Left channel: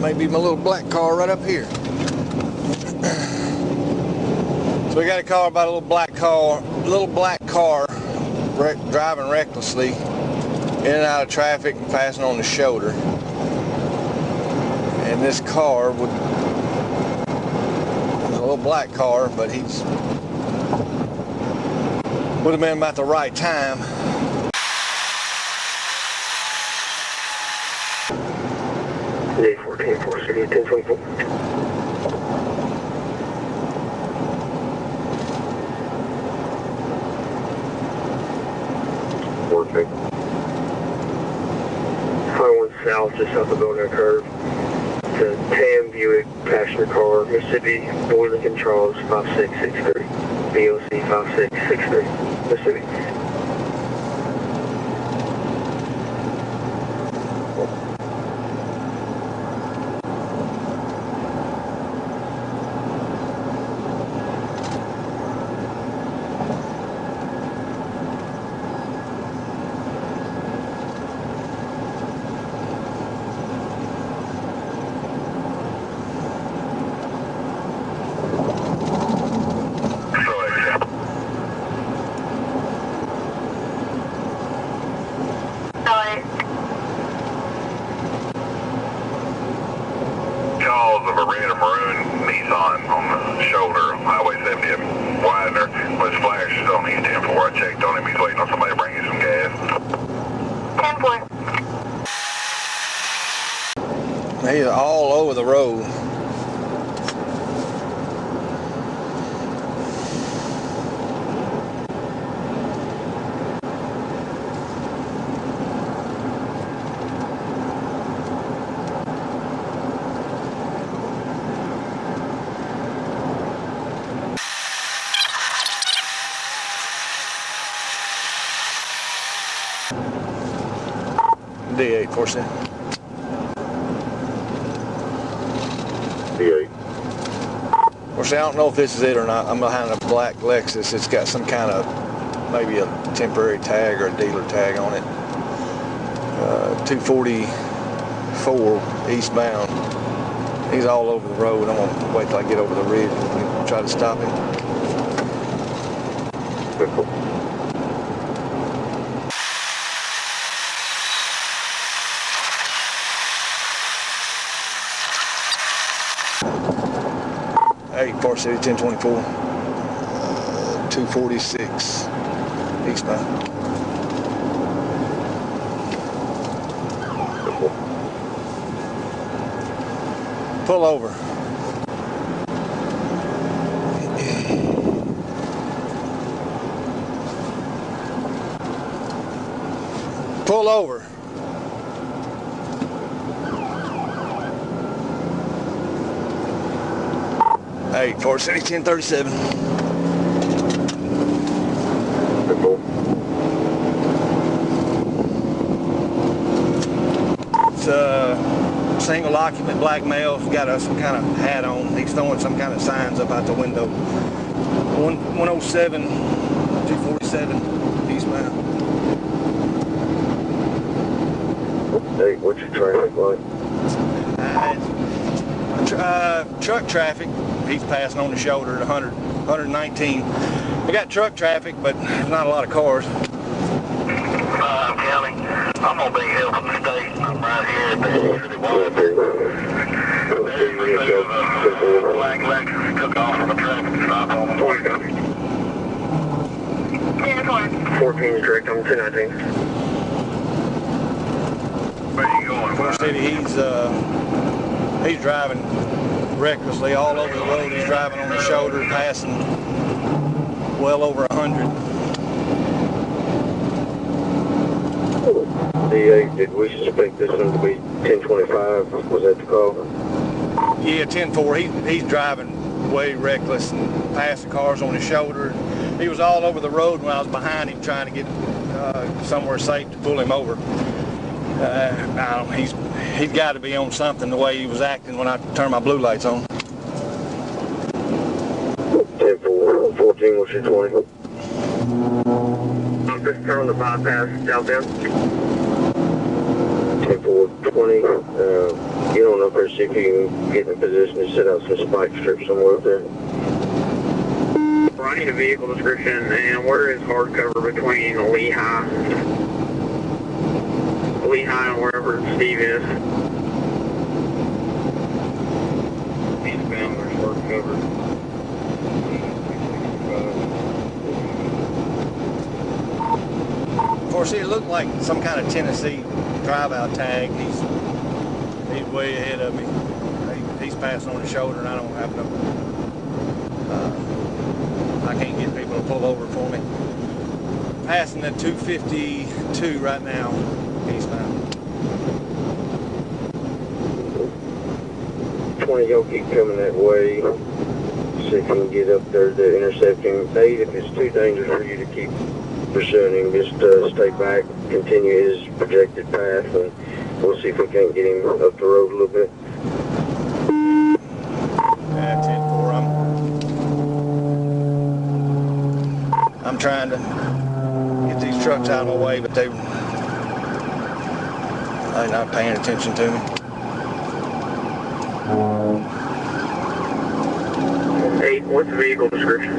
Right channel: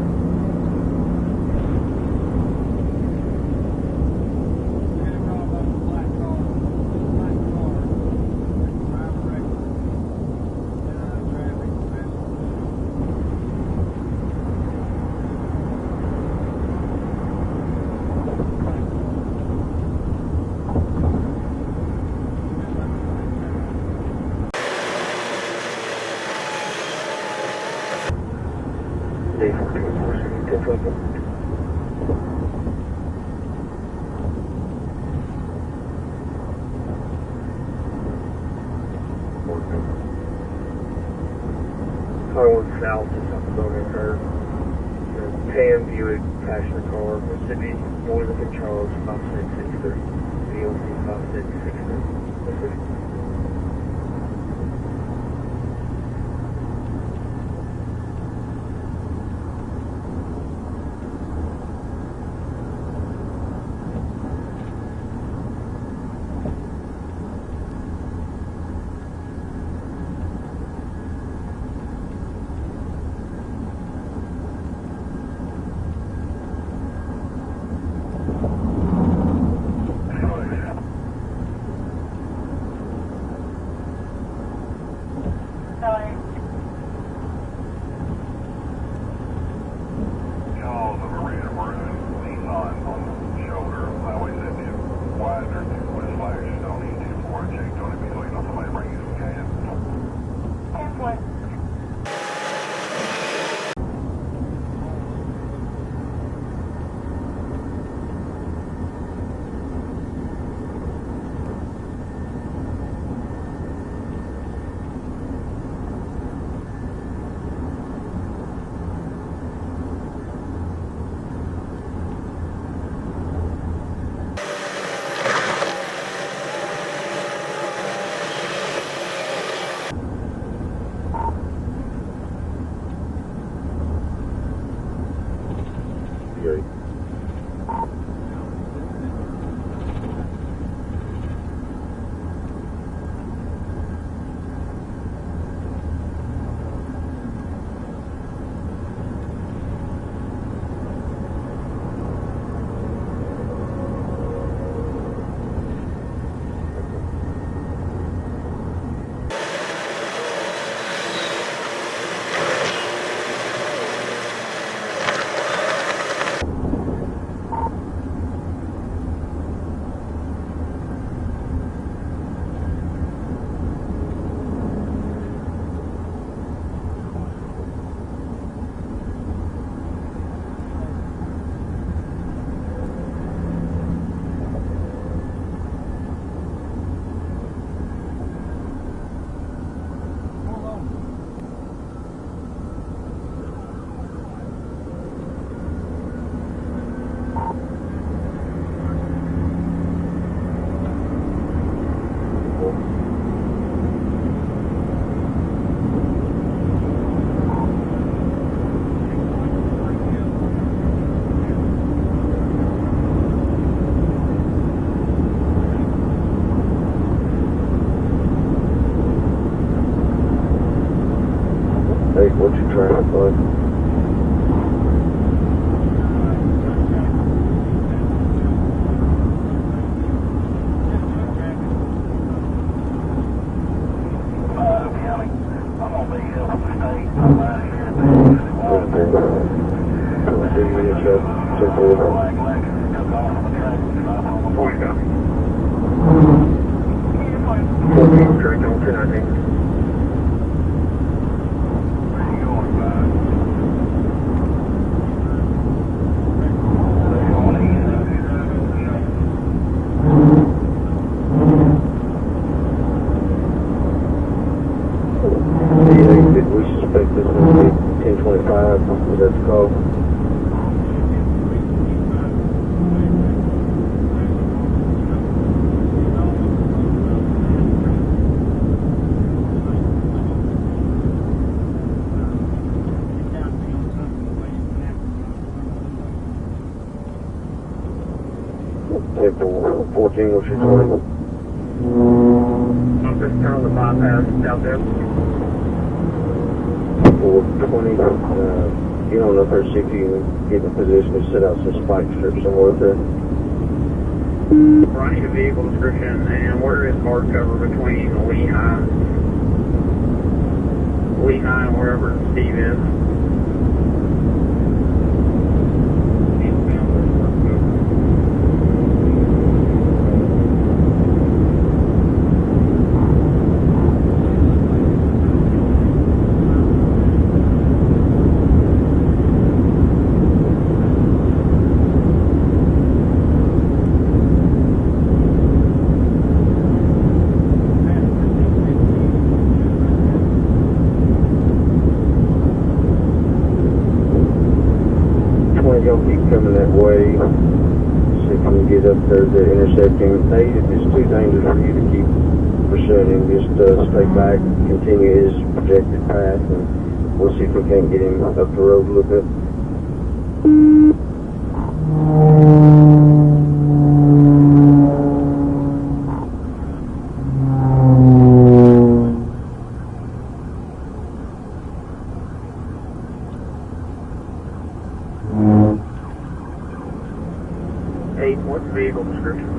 Maybe my little black car right up here. So we got a car about a little black car, driving recklessly in and out of traffic, passing on the shoulder. And this car was a little black car, but would have been about the right time. Perfect. Going south just up the Boner curve. To Tam Buick passenger car, Mississippi, Boylan and Charles 5663. BOC 5663, Mississippi. Jaws of a red or maroon Nissan on the shoulder of Highway 70 at Widener with flashes on the 10-4. I checked on him. He's waiting on somebody to bring you some gas. 10-4. He's all over the road. D8, 47. D8. Of course, I don't know if this is it or not. I'm behind a black Lexus. It's got some kind of, maybe a temporary tag or a dealer tag on it. 244 eastbound. He's all over the road. I'm gonna wait till I get over the ridge and try to stop him. Cool. Hey, Park City 1024, 246 eastbound. Pull over. Pull over. Hey, Park City 1037. It's a single occupant black male. He's got some kind of hat on. He's throwing some kind of signs up out the window. 107, 247 eastbound. Hey, what's your traffic like? Truck traffic. He's passing on the shoulder at 100, 119. We got truck traffic, but not a lot of cars. County, I'm gonna be here for the state. I'm right here at the black Lexus took off from the traffic stop on the way. 10-4. Where you going? Park City, he's driving recklessly all over the road. He's driving on the shoulder, passing well over 100. D8, did we suspect this would be 1045? Was that the call? Yeah, 10-4. He's driving way reckless and passing cars on his shoulder. He was all over the road when I was behind him trying to get somewhere safe to pull him over. I don't know, he's got to be on something the way he was acting when I turned my blue lights on. 10-4, 14 was your 20. Start with the bypass downtown. 10-4-20. You don't know if there's if you can get in a position to set out some spike strips somewhere up there. I need a vehicle description, and where is hardcover between Lehigh and wherever Steve is? He's found where's hardcover. Of course, it looked like some kind of Tennessee drive-out tag. He's way ahead of me. He's passing on the shoulder, and I don't have no. I can't get people to pull over for me. Passing at 252 right now. He's not. 20 gonna keep coming that way. See if we can get up there to intercept him. Hey, if it's too dangerous for you to keep pursuing him, just stay back, continue his projected path, and we'll see if we can't get him up the road a little bit. I'm trying to get these trucks out of the way, but they're not paying attention to me. Hey, what's the vehicle description?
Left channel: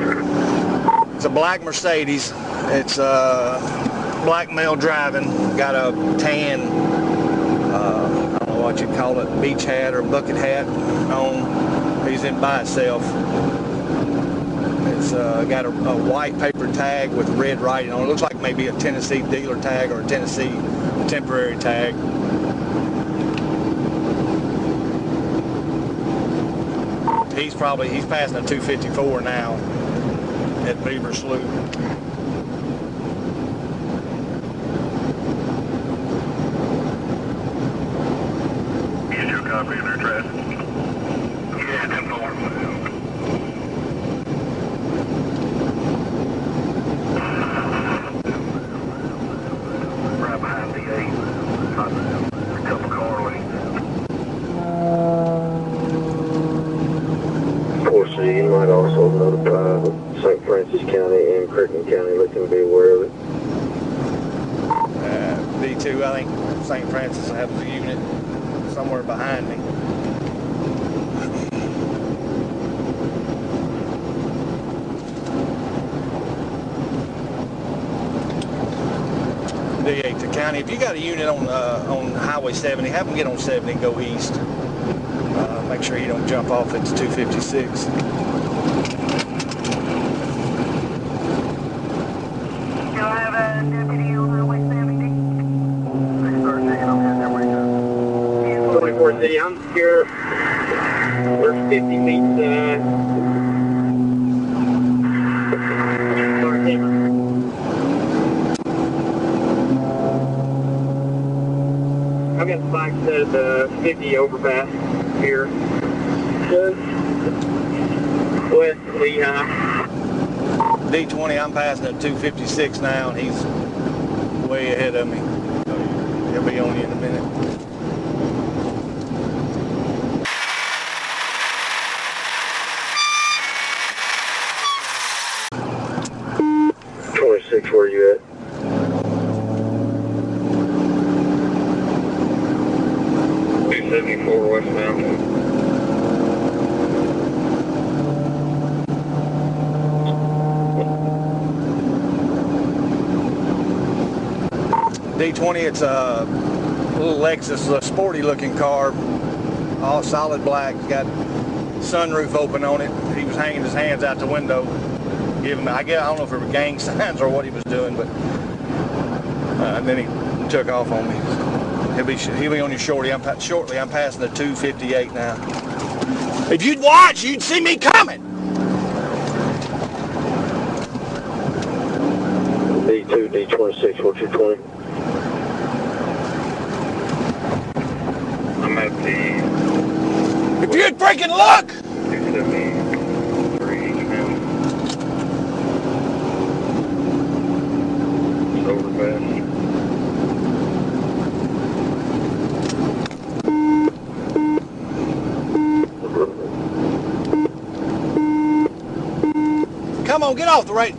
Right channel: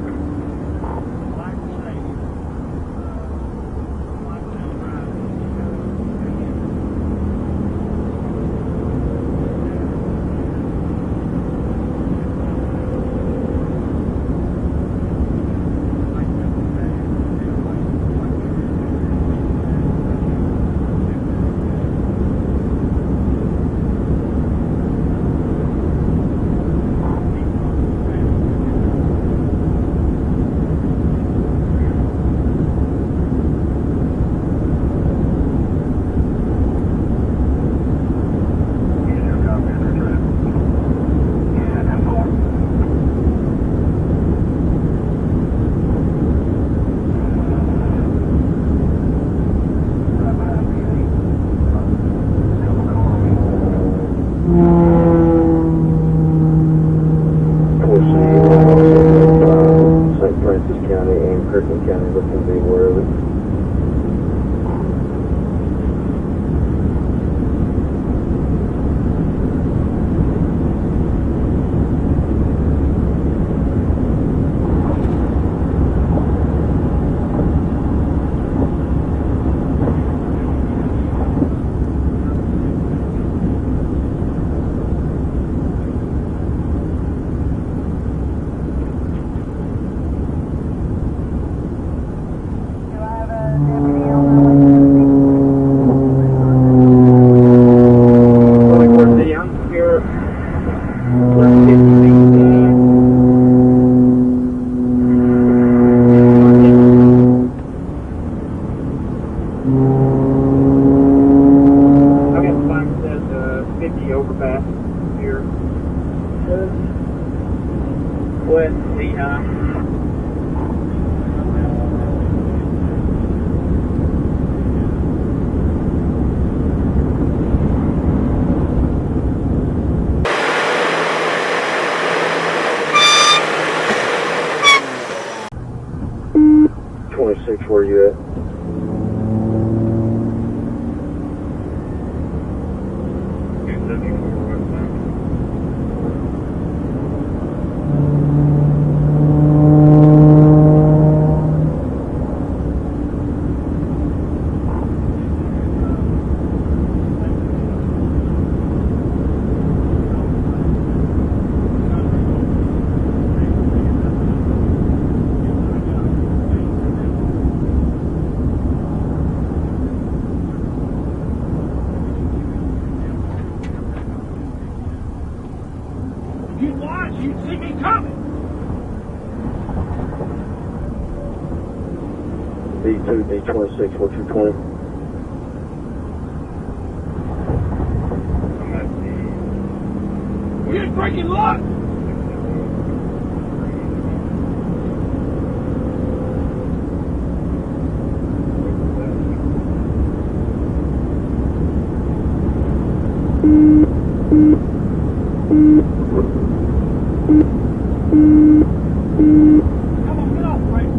It's a black Mercedes. It's black male driving. Got a tan, I don't know what you call it, beach hat or bucket hat on. He's in by itself. It's got a white paper tag with red writing on it. Looks like maybe a Tennessee dealer tag or a Tennessee temporary tag. He's passing a 254 now at Beaver Slough. You still copy their address? Yeah, 10-4. Right behind the 8. A couple car lanes. St. Francis County and Kirkland County with him anywhere. D2, I think St. Francis has a unit somewhere behind me. D8 to county. If you got a unit on Highway 70, have them get on 70 and go east. Make sure you don't jump off at 256. D20, I'm passing at 256 now, and he's way ahead of me. He'll be on you in a minute. Where you at? $274 westbound. D20, it's a little Lexus, a sporty looking car, all solid black, got sunroof open on it. He was hanging his hands out the window, giving, I don't know if it were gang signs or what he was doing, but and then he took off on me. He'll be on you shortly. I'm passing the 258 now. If you'd watch, you'd see me coming. D2, D26, what's your plan? I'm at the... If you'd freaking look! 273 eastbound. It's overpass. Come on, get off the right.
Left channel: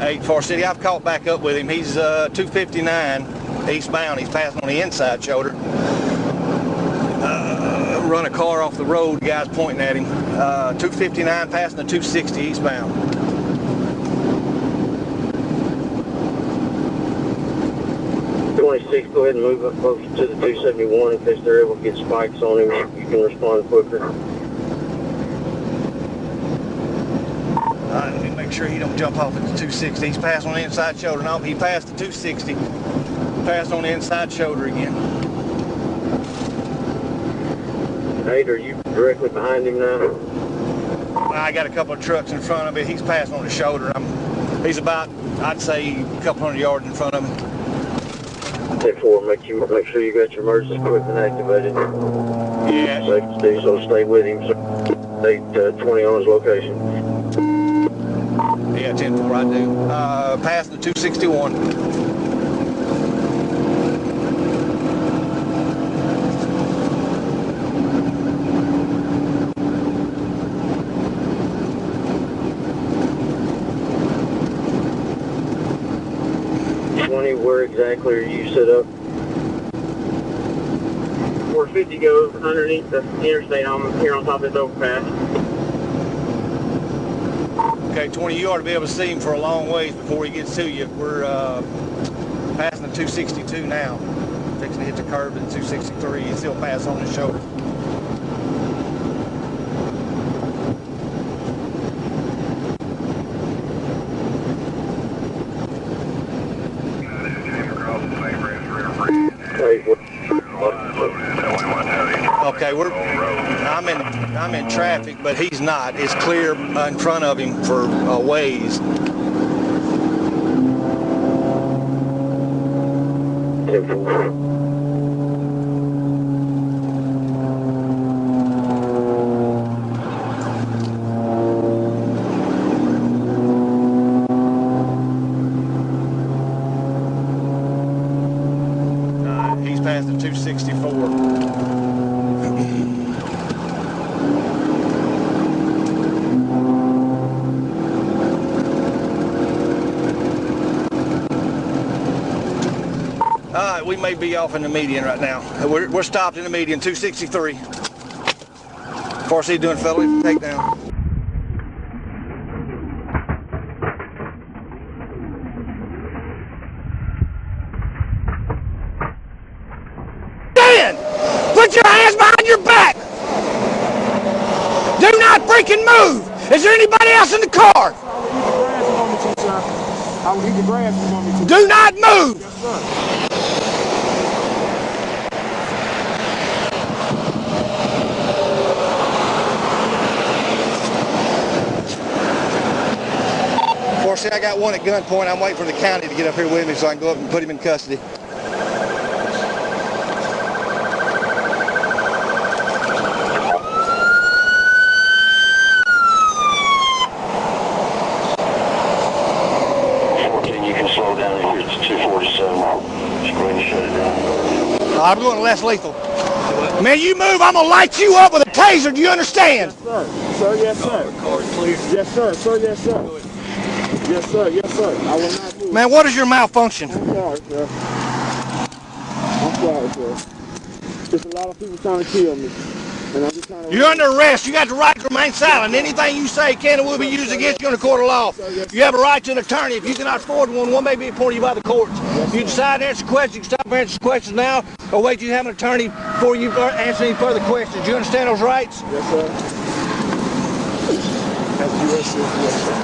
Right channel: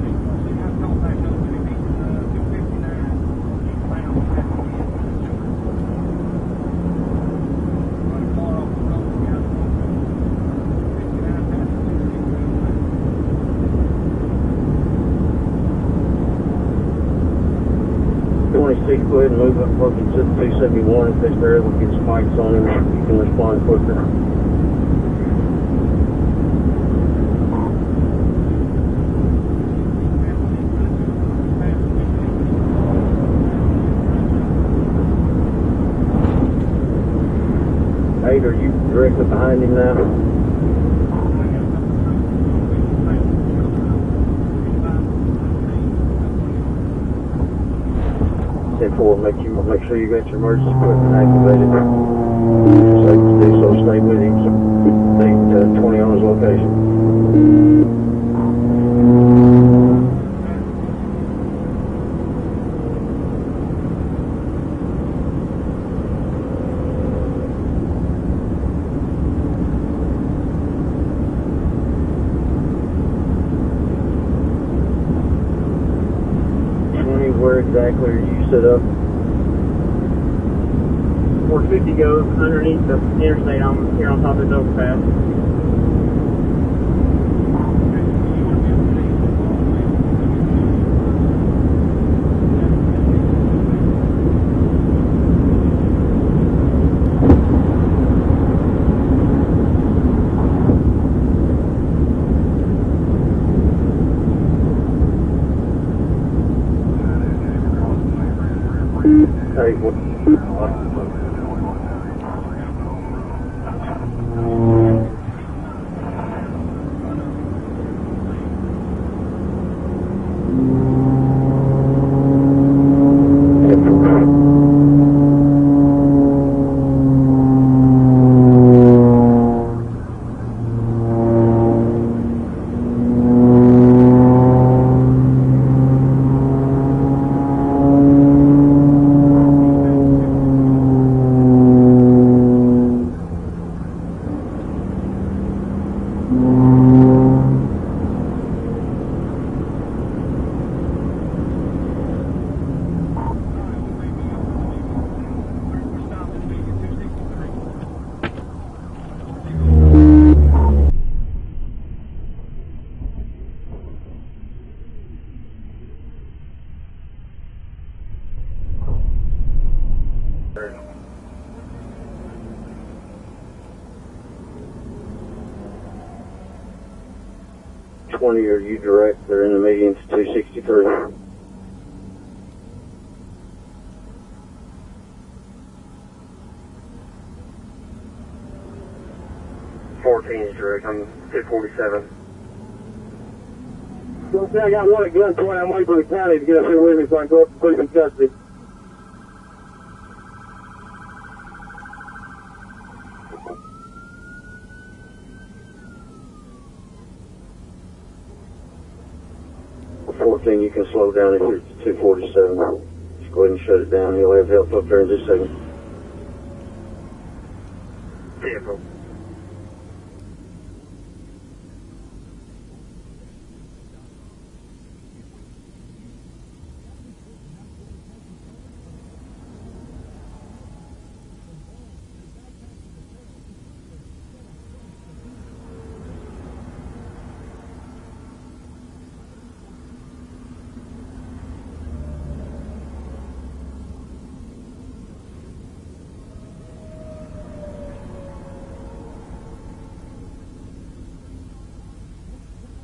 84 City, I I've caught back up with him. He's 259 eastbound. He's passing on the inside shoulder. Run a car off the road, guys pointing at him. 259 passing the 260 eastbound. 26, go ahead and move up closer to the 271. If it's there, we'll get spikes on him. You can respond quicker. Let me make sure he don't jump off at the 260. He's passing on the inside shoulder. No, he passed the 260. Passed on the inside shoulder again. Hey, are you directly behind him now? I got a couple of trucks in front of me. He's passing on the shoulder. He's about, I'd say, a couple hundred yards in front of him. 10-4, make sure you got your emergency equipment activated. Yeah. So stay with him. So stay 20 on his location. Yeah, 10-4 I do. Passing the 261. Where exactly are you set up? 450 goes underneath the interstate here on top of this overpass. Okay, 20, you ought to be able to see him for a long way before he gets to you. We're passing the 262 now. Fixing to hit the curve at 263. He's still passing on the shoulder. Okay, I'm in traffic, but he's not. It's clear in front of him for a ways. He's past the 264. We may be off in the median right now. We're stopped in the median, 263. Of course, he's doing fellow takedown. Stand! Put your hands behind your back! Do not freaking move! Is there anybody else in the car? Do not move! See, I got one at gunpoint. I'm waiting for the county to get up here with me so I can go up and put him in custody. You can slow down here. It's 247. Just go ahead and shut it down. I'm going less lethal. Man, you move, I'm going to light you up with a taser. Do you understand? Yes, sir. Sir, yes, sir. Car's clear. Yes, sir. Sir, yes, sir. Yes, sir. Yes, sir. I will not move. Man, what is your malfunction? I'm sorry, sir. I'm sorry, sir. There's a lot of people trying to kill me. And I'm just trying to... You're under arrest. You got the right to remain silent. Anything you say can and will be used against you in a court of law. You have a right to an attorney. If you cannot afford one may be appointed you by the courts. You decide to answer questions. You can stop answering questions now or wait till you have an attorney before you answer any further questions. You understand those rights? Yes, sir. As a U.S. citizen, yes, sir.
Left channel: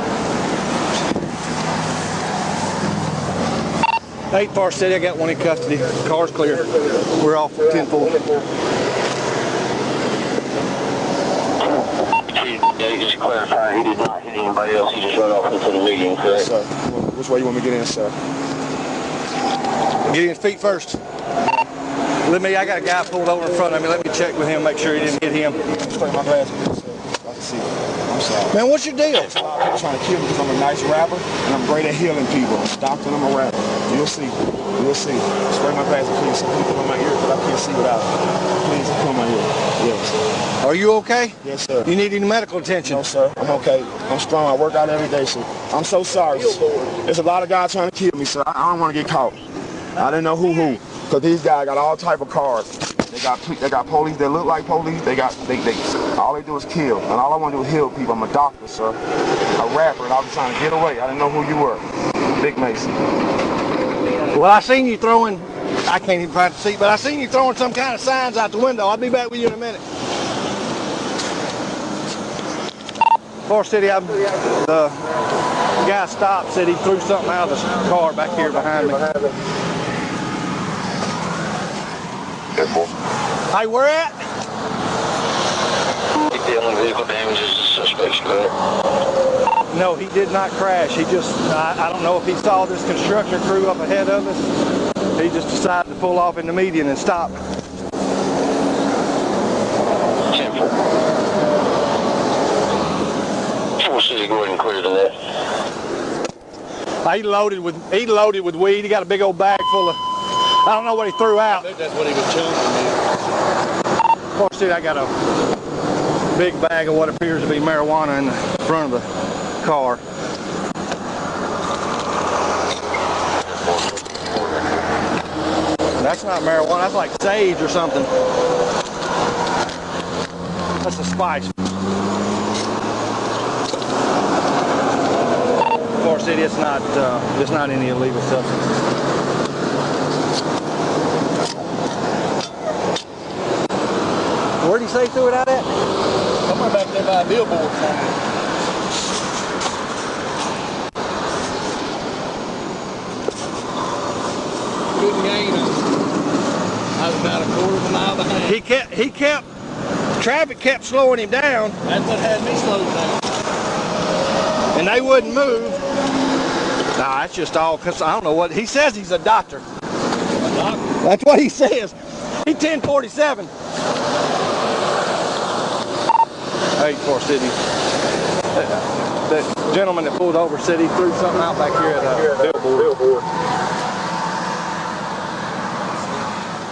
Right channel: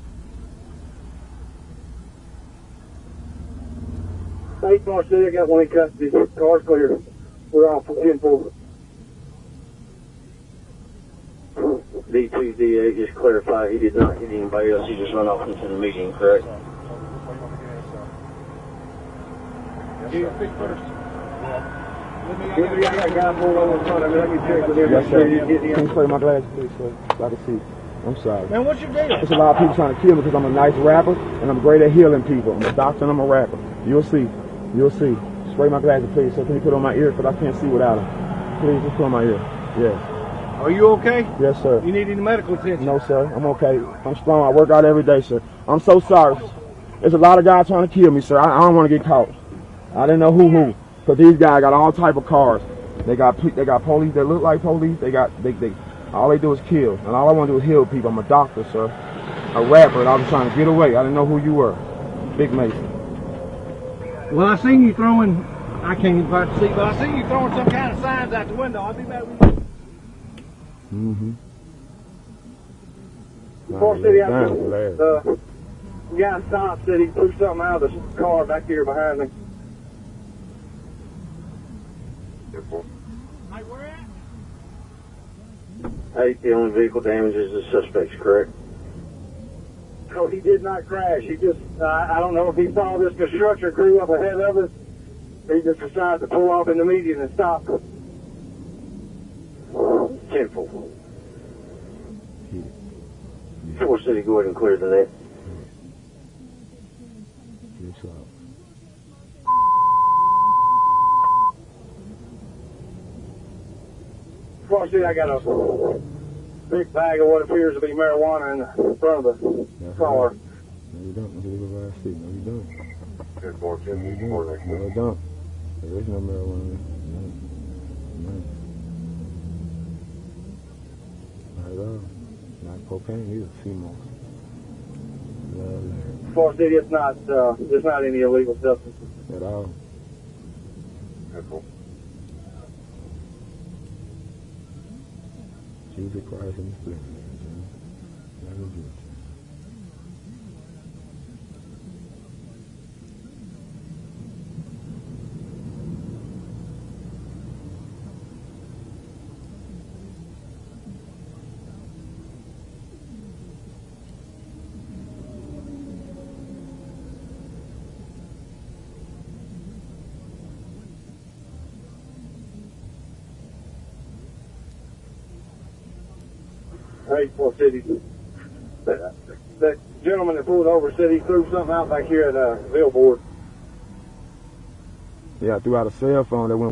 8 Far City, I got one in custody. Car's clear. We're off 10-4. Just clarify, he did not hit anybody else. He just ran off into the median, correct? Yes, sir. Which way you want me to get in, sir? Get his feet first. I got a guy pulled in front of me. Let me check with him, make sure he didn't get him. Can you play my last piece, sir? I'm sorry. Man, what's your deal? There's a lot of people trying to kill me because I'm a nice rapper and I'm great at healing people. I'm a doctor and I'm a rapper. You'll see. You'll see. Straight my glasses, please. Can you put on my ear because I can't see without it. Please put on my ear. Yes. Are you okay? Yes, sir. You need any medical attention? No, sir. I'm okay. I'm strong. I work out every day, sir. I'm so sorry. There's a lot of guys trying to kill me, sir. I don't want to get caught. I didn't know who. So these guys got all type of cars. They got police that look like police. They all they do is kill. All I want to do is heal people. I'm a doctor, sir. A rapper. I was trying to get away. I didn't know who you were. Big Mason. Well, I seen you throwing, I can't even quite see, but I seen you throwing some kind of signs out the window. I'll be back with you in a minute. Forest City, the guy stopped, said he threw something out of the car back here behind me. Hey, where at? The only vehicle damage is the suspect's correct. No, he did not crash. He just, I don't know if he saw this construction crew up ahead of him. He just decided to pull off in the median and stop. 10-4. Forest City, go ahead and clear to that. He loaded with weed. He got a big old bag full of, I don't know what he threw out. I think that's what he was telling me. Forest City, I got a big bag of what appears to be marijuana in front of the car. That's not marijuana, that's like sage or something. That's a spice. Forest City, it's not any illegal substance. Where'd he say he threw it out at? Somewhere back there by a billboard somewhere. Couldn't gain it. I was about a quarter of a mile behind. Traffic kept slowing him down. That's what had me slowed down. And they wouldn't move. Nah, that's just all, because I don't know what, he says he's a doctor. A doctor? That's what he says. He's 1047. Hey, Forest City. The gentleman that pulled over said he threw something out back here at a billboard. Yeah, we got a cell phone.